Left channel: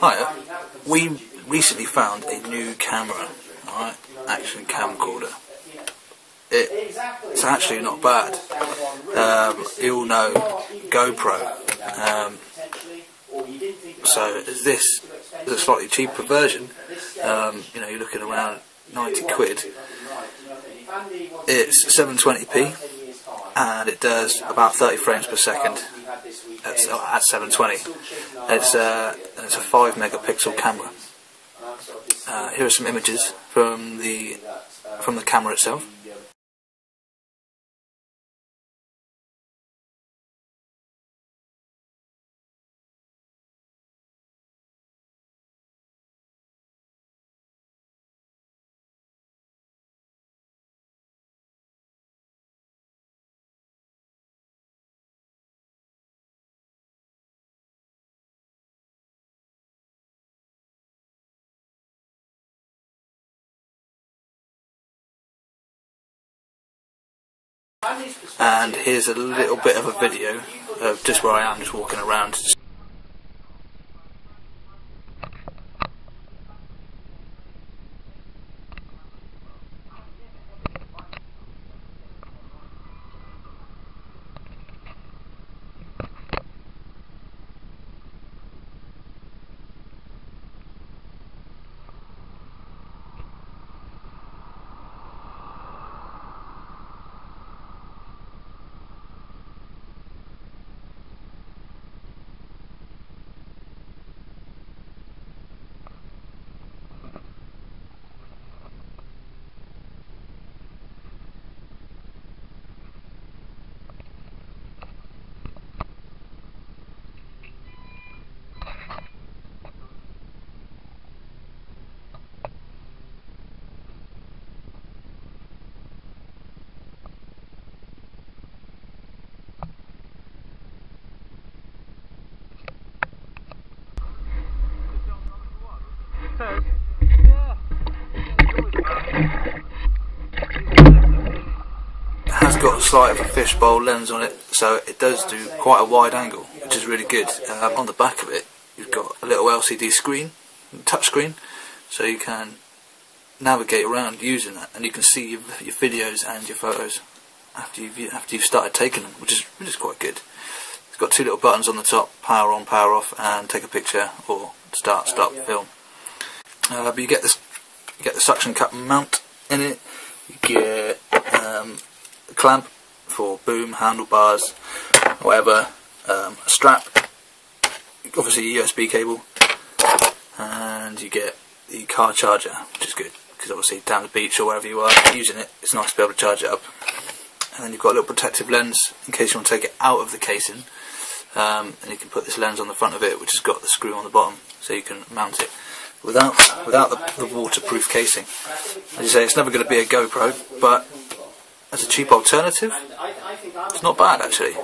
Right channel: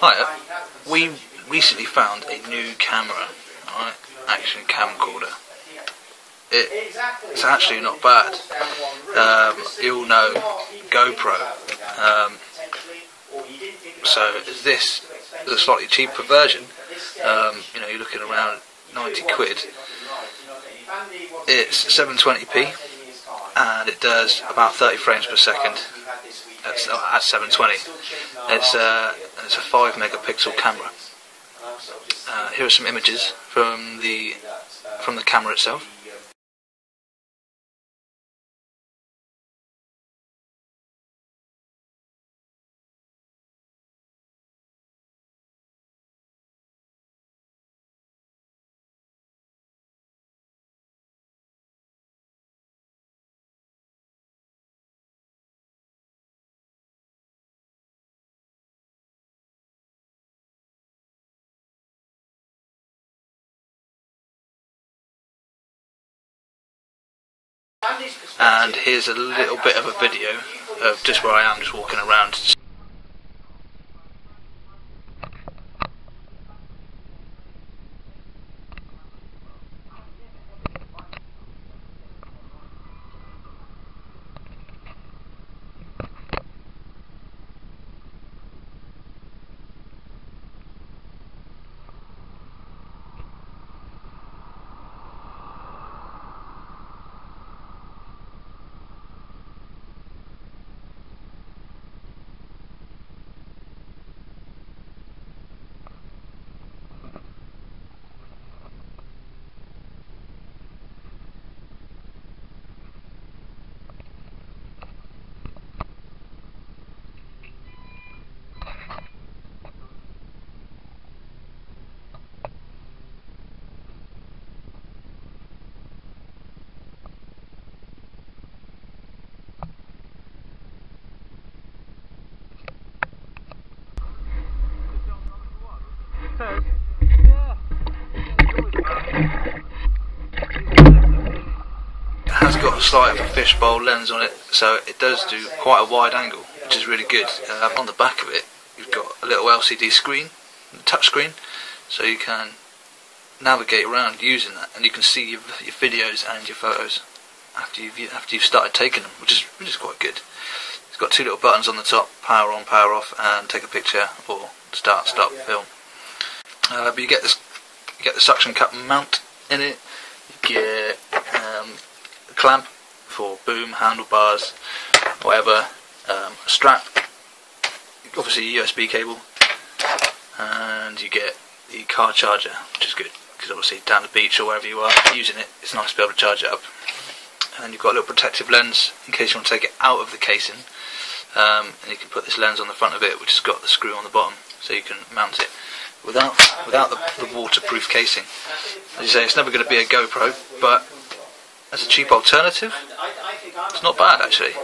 Hi, we recently found a new camera, alright, action camcorder. It's actually not bad. You all know GoPro, so this is a slightly cheaper version. You know, you're looking around 90 quid. It's 720p and it does about 30 frames per second at 720. It's a 5 megapixel camera. Here are some images from the camera itself. And here's a little bit of a video of just where I am, just walking around. It has got a slight fishbowl lens on it, so it does do quite a wide angle, which is really good. On the back of it, you've got a little LCD screen, touch screen, so you can navigate around using that, and you can see your videos and your photos after you've started taking them, which is quite good. It's got two little buttons on the top: power on, power off, and take a picture, or stop film. But you get the suction cup mount in it. You get a clamp for boom, handlebars, whatever, strap, obviously a USB cable, and you get the car charger, which is good because obviously down the beach or wherever you are using it, it's nice to be able to charge it up. And then you've got a little protective lens in case you want to take it out of the casing, and you can put this lens on the front of it, which has got the screw on the bottom, so you can mount it without the waterproof casing. As you say, it's never going to be a GoPro, but as a cheap alternative, it's not bad actually.